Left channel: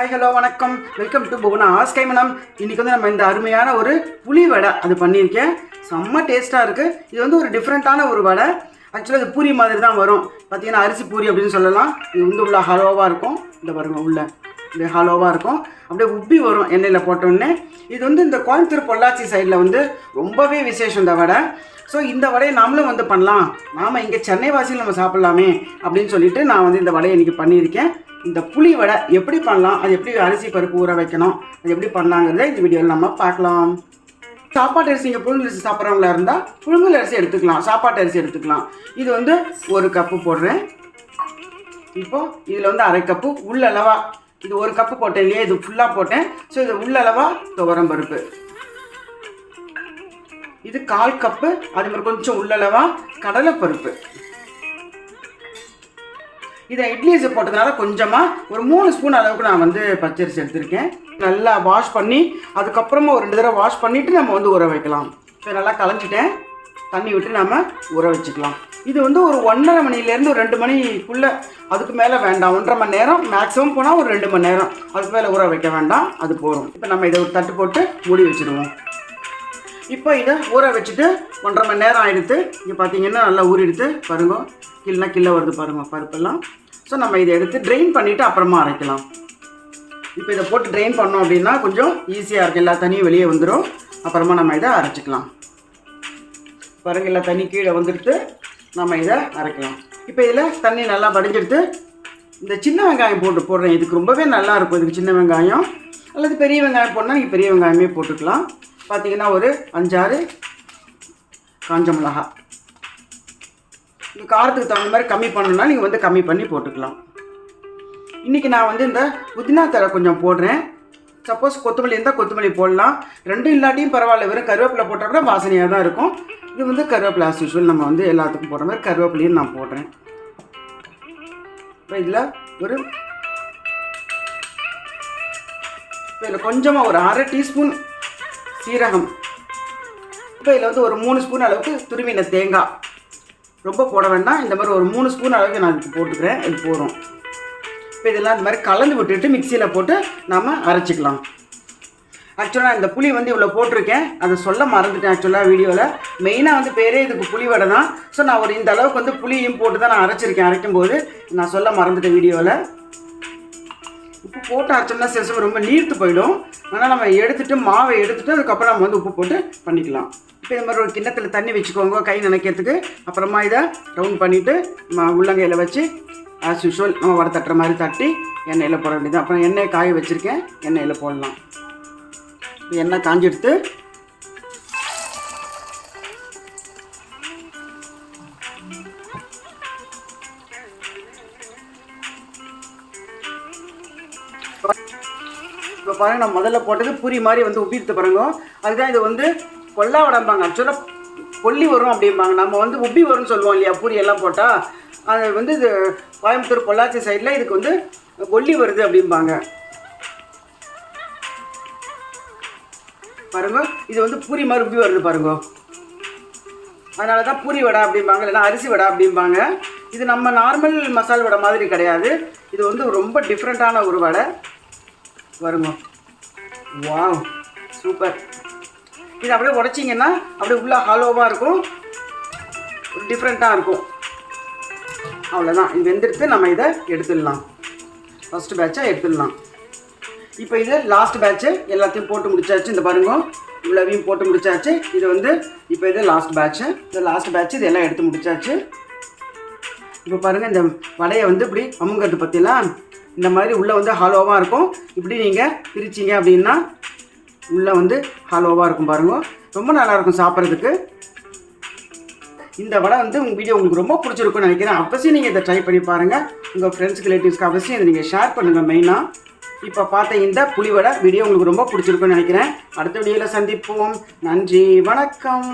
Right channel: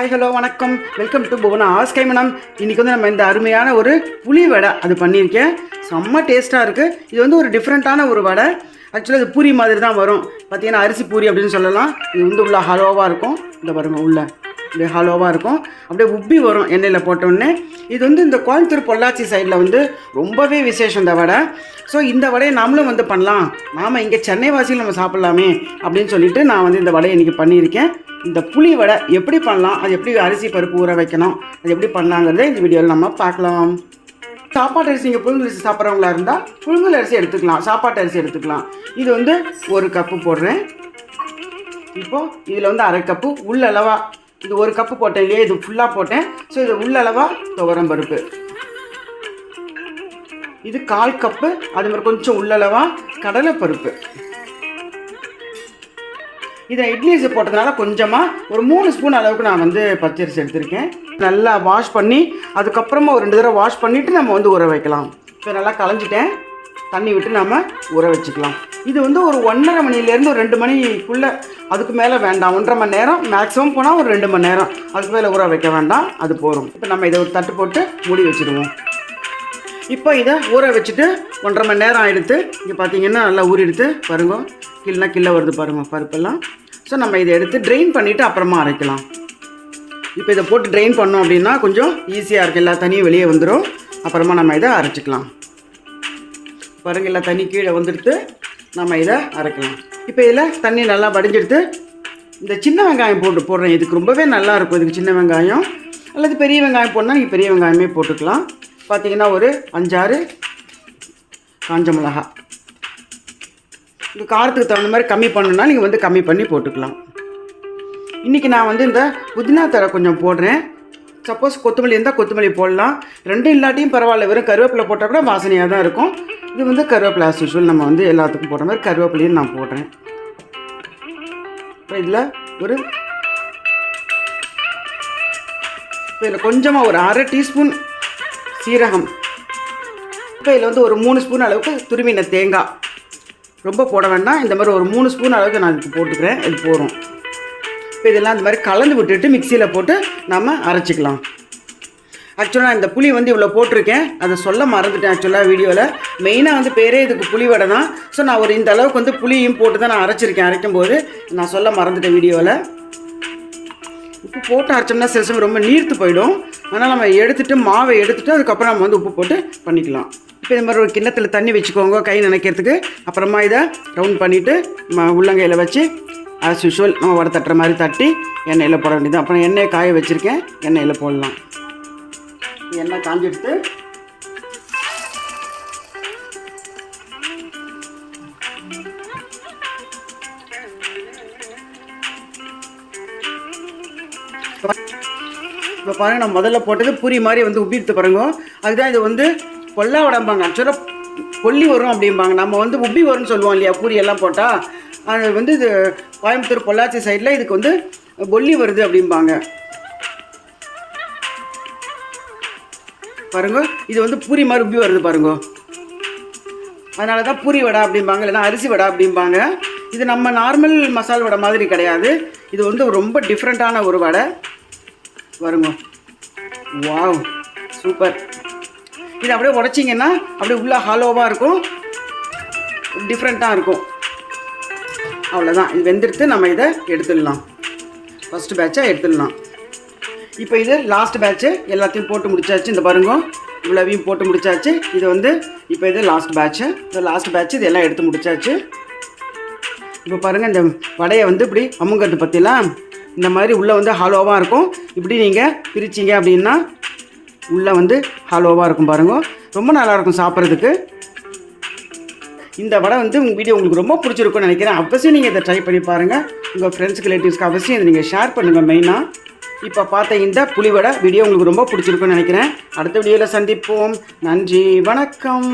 Hi hello வணக்கம். Welcome to Bhuvana ஆஸ்கைமனம் இன்றைக்கி வந்து நம்ம இந்த அருமையான ஒரு புளி வடை அது பண்ணியிருக்கேன். செம்ம டேஸ்ட்டாக இருக்குது இது வந்து ஒரு டிஃப்ரெண்ட்டான ஒரு வடை. ஆக்சுவலாக இது பூரி மாதிரி தான் வரும். பார்த்தீங்கன்னா அரிசி பூரி அப்படின்னு சொல்லலாம். இது வந்து உள்ள ஹலோவாக இருக்கும். இந்த பாருங்க உள்ள. அப்படியே ஹலோவாக இருக்கும். அப்படியே உப்பி வரும் எண்ணெயில் போட்டோடனே இது வந்து இந்த கோயம்புத்தூர் பொள்ளாச்சி சைடில் வந்து ரொம்பவே விசேஷம் இந்த வடை. ஸோ இந்த வடையை நாமளும் வந்து பண்ணலாம். நாம் இங்கே சென்னை வாசியில் நம்ம சாப்பிட்லாமே அப்படின்னு சொல்லிட்டு நான் வந்து இந்த வடையை இன்றைக்கி பண்ணியிருக்கேன். இந்த புளி வடை எப்படி பண்ணலாம்? அது எப்படி அரிசி பருப்பு ஊற வைக்கணும்? அது எப்படி பண்ணலாங்கிறத இந்த வீடியோவில் நம்ம பார்க்கலாம். சாப்பாட்டு அரிசி இங்கே புழுங்கல் அரிசி சாப்பிட்றவங்களா இருந்தால் புழுங்கல் அரிசி எடுத்துக்கலாம். சாப்பாட்டு அரிசி எடுத்துக்கலாம். இது வந்து ஒரு கப்பு போடுறேன். இப்போது இதில் வந்து அரை கப்பு உள்ளளவா இது ஒரு கப்பு போட்டேன் இல்லையா? இது ஃபுல்லாக போட்டேன். ஸோ இது உள்ளளவா துவரம் பருப்பு. இது கால் கப்பு அது மாதிரி கொஞ்சம் உள்ளளவா கடலைப்பருப்பு. இதை இட்லி அரிசி போட்டதுனால கொஞ்சமாக ஒரு மூணு ஸ்பூன் அளவுக்கு நான் வந்து பச்சரிசி எடுத்திருக்கேன். நல்லா வாஷ் பண்ணி அதுக்கப்புறமா ஒரு ரெண்டு தடவை வாஷ் பண்ணிவிட்டு நம்ம வந்து ஊற வைக்கலாம். இப்போ நல்லா களைஞ்சிட்டேன். தண்ணி விட்டு நம்ம ஊற வச்சுக்கலாம். இது வந்து ஒரு ஒன்றரை மணிலேருந்து ஒரு ரெண்டு மணிக்குள்ளே அதுக்கு மேலே வேண்டாம். ஒன்றரை மணி நேரம் மேக்ஸிமம் போனால் ஒரு ரெண்டு மணி நேரம். அதுக்கு மேலே ஊற வைக்க வேண்டாம். அது போதும். இப்போ நம்ம இதை ஒரு தட்டு போட்டு மூடி வச்சுடுவோம். இப்போ இதை ஊற வச்சுட்டு ஒன்றரை மணி நேரம் ஆயிடுத்து. இங்கே பார்த்தீங்கன்னா நல்லா ஊறிடுத்து. பாருங்க. கில்னா கில்ல வருது பாருங்க. பருப்பெல்லாம். ஸோ நம்ம இதை எடுத்து ட்ரெயின் பண்ணிவிட்டு அப்புறமா அரைக்கலாம். இப்போ இதை போட்டு ட்ரெயின் பண்ணோம் அப்படின்னா கொஞ்சம் ஈஸியாக இருக்குது எல்லா தண்ணியும் வெளியே வந்துடும் அப்புறமா நம்ம இதை அரைச்சிக்கலாம். பாருங்க எல்லா தண்ணி கீழே வந்துடுத்து நம்ம இதை அரைக்கலாம். இப்போ இதில் தண்ணி நல்லா வடிஞ்செடுத்து இந்த சின்ன வெங்காயம் போட்டு போடுறேன். இதுக்கு ரொம்பவே நல்லா இருக்கும். இதுக்கு சின்ன வெங்காயம். அல்லது பெரிய வெங்காயம் போடணும் நீங்கள் பெரிய வெங்காயமே போட்டுக்கலாம். பார்த்தீங்கன்னா ஒரு அஞ்சாறு காஞ்ச மிளகா காரத்துக்கு தகுந்த மாதிரி கம்மி பண்ணணும்னா நீங்கள் வந்து கம்மி பண்ணி போட்டுக்கலாம். இன்றைக்கி நான் வந்து இந்த புதினா தரை கொஞ்சம் போடுறேன். சப்போஸ் கொத்தமல்லி இருந்தால் கொத்தமல்லி போடலாம். ரெண்டும் இல்லாட்டியும் பரவாயில்ல வெறும் கருவேப்பிலை போட்டால் கூட வாசனையாக தான் இருக்கும். இது வந்து கருவேப்பிலை ஆஸ் யூஷுவல் நம்ம வந்து எல்லாத்துக்கும் போடுற மாதிரி கருவேப்பிலையும் நான் போடுறேன். அப்புறம் இதில் ஒரு இப்போ இதில் கொஞ்சமாக ஒரு அரை டீஸ்பூன் சீரகம். இப்போ இதில் வந்து ஒரு மூணு ஸ்பூன் அளவுக்கு துருவின தேங்காய். ரொம்ப போட வேண்டாம். இந்த மாதிரி ஒரு மூணு ஸ்பூன் அளவுக்கு நான் இதுக்கு போட்டுக்கிறேன். இது போகிறோம் இப்போ இதெல்லாம் இந்த மாதிரி கலந்து விட்டுட்டு மிக்சியில் போட்டு நம்ம அரைச்சிக்கலாம். ஆக்சுவலாக இந்த புளி வந்து இவ்வளோ போட்டிருக்கேன். அதை சொல்ல மறந்துட்டேன் ஆக்சுவலாக வீடியோவில் மெயினாக வந்து பேரே இதுக்கு புளி வடை தான். ஸோ நான் ஒரு இந்த அளவுக்கு வந்து புளியும் போட்டு தான் நான் அரைச்சிருக்கேன். அரைக்கும் போது நான் சொல்ல மறந்துட்டேன் வீடியோவில் உப்பு போட்டு அரைச்சோம்னா சில சமயம் ரொம்ப நீர்த்து போயிடும். அதனால் நம்ம எடுத்துட்டு மாவை எடுத்துட்டு அதுக்கப்புறம் நம்ம வந்து உப்பு போட்டு பண்ணிக்கலாம். இப்போ இது மாதிரி ஒரு கிண்ணத்தில் தண்ணி வச்சுக்கோங்க கை நினைக்கிறதுக்கு. அப்புறமா இதை ரவுண்ட் பண்ணிவிட்டு உள்ளங்கையில் வச்சு ஆஸ் யூஷுவல் நம்ம வர தட்டுற மாதிரி தட்டி எண்ணெயில் போட வேண்டியது அப்புறம் எண்ணெயை காய வச்சுருக்கேன். எண்ணெயில் போடலாம். எண்ணெய் காஞ்சி எடுத்து இப்போ பாருங்க நான் முதல்ல போட்டது பூரி மாதிரி வந்து உப்பிட்டு பாருங்க. அதுதான் இது வந்து கொல்லா வடம்பாங்க. ஆக்சுவலாக கொல்லி வரும் அப்படிம்பாங்க. நம்ம வந்து உப்பி வரும்னு சொல்லுவோம் இல்லையா பூரி எல்லாம் போட்டால் அது வந்து இது கோயம்புத்தூர் பொள்ளாச்சி சைடில் இதுக்கு வந்து கொல்லி வருது அப்படிம்பாங்க. பாருங்க இது வந்து பூரி மாதிரி உப்பி வருது பாருங்க. அதனால தான் பூரி வடை அப்படிம்பாங்க இல்லைன்னா அரிசி வடை அப்படிம்பாங்க. இது நம்ம நார்மல் மசால் வடை மாதிரி கிடையாது. இது வந்து ரொம்ப டிஃப்ரெண்ட்டான ஒரு வடை. வருங்க. வாவ் சூப்பர் இது அப்படியே உடைச்சிங்கன்னா அப்படியே உள்ள ஹாலோவாக இருக்கும். டிஃப்ரெண்ட்டாக இருக்கும். அவ்வளோதான் இது வெந்துடுத்து நம்ம இதை எடுத்துடலாம். ஃபஸ்ட்டு பேட்சாக எடுத்துடலாம். இப்போ இது லாஸ்ட் பேட்ச்சு எல்லாத்தையும் போட்டு முடிச்சாச்சு. இந்த பாருங்க. இவ்வளவையும் போட்டு முடிச்சாச்சு. இது வந்து இப்போ இது லாஸ்ட் பேட்ச்சு இந்த லாஸ்ட் பேட்ச் இது எல்லாம் எடுத்து முடிச்சாச்சு. இப்போ பாருங்கள் இந்த வடையை வந்து இப்படி அமுங்கிறது பற்றிலாம் இந்த மாதிரி உள்ளே வந்து ஹாலோவாக இருக்கும். இப்படி நீங்கள் பிரிச்சிங்க அப்படின்னா உள்ளே வந்து ஹாலோவாக இருக்கும் பாருங்கள் ரொம்ப நல்லாயிருக்கும் சாப்பிட்றதுக்கு. இந்த வடை வந்து உங்கள் வீடியோ உங்களுக்கு ரொம்ப பிடிச்சிருக்கும்னு நினைக்கிறேன். அவசியம் நீங்கள் இதை ட்ரை பண்ணி பாருங்கள் உங்கள் ஃப்ரெண்ட்ஸுக்கு ரிலேட்டிவ்ஸ்க்கு அவசியம் இதை நீங்கள் ஷேர் பண்ணுங்கள் மெயினாக இப்போ பார்த்த இந்த புளிவடை வீடியோ உங்களுக்கு ரொம்ப பிடிச்சிருக்குன்னு நினைக்கிறேன். அடுத்த வீடியோவில் சந்திப்போம். நன்றி வணக்கம்.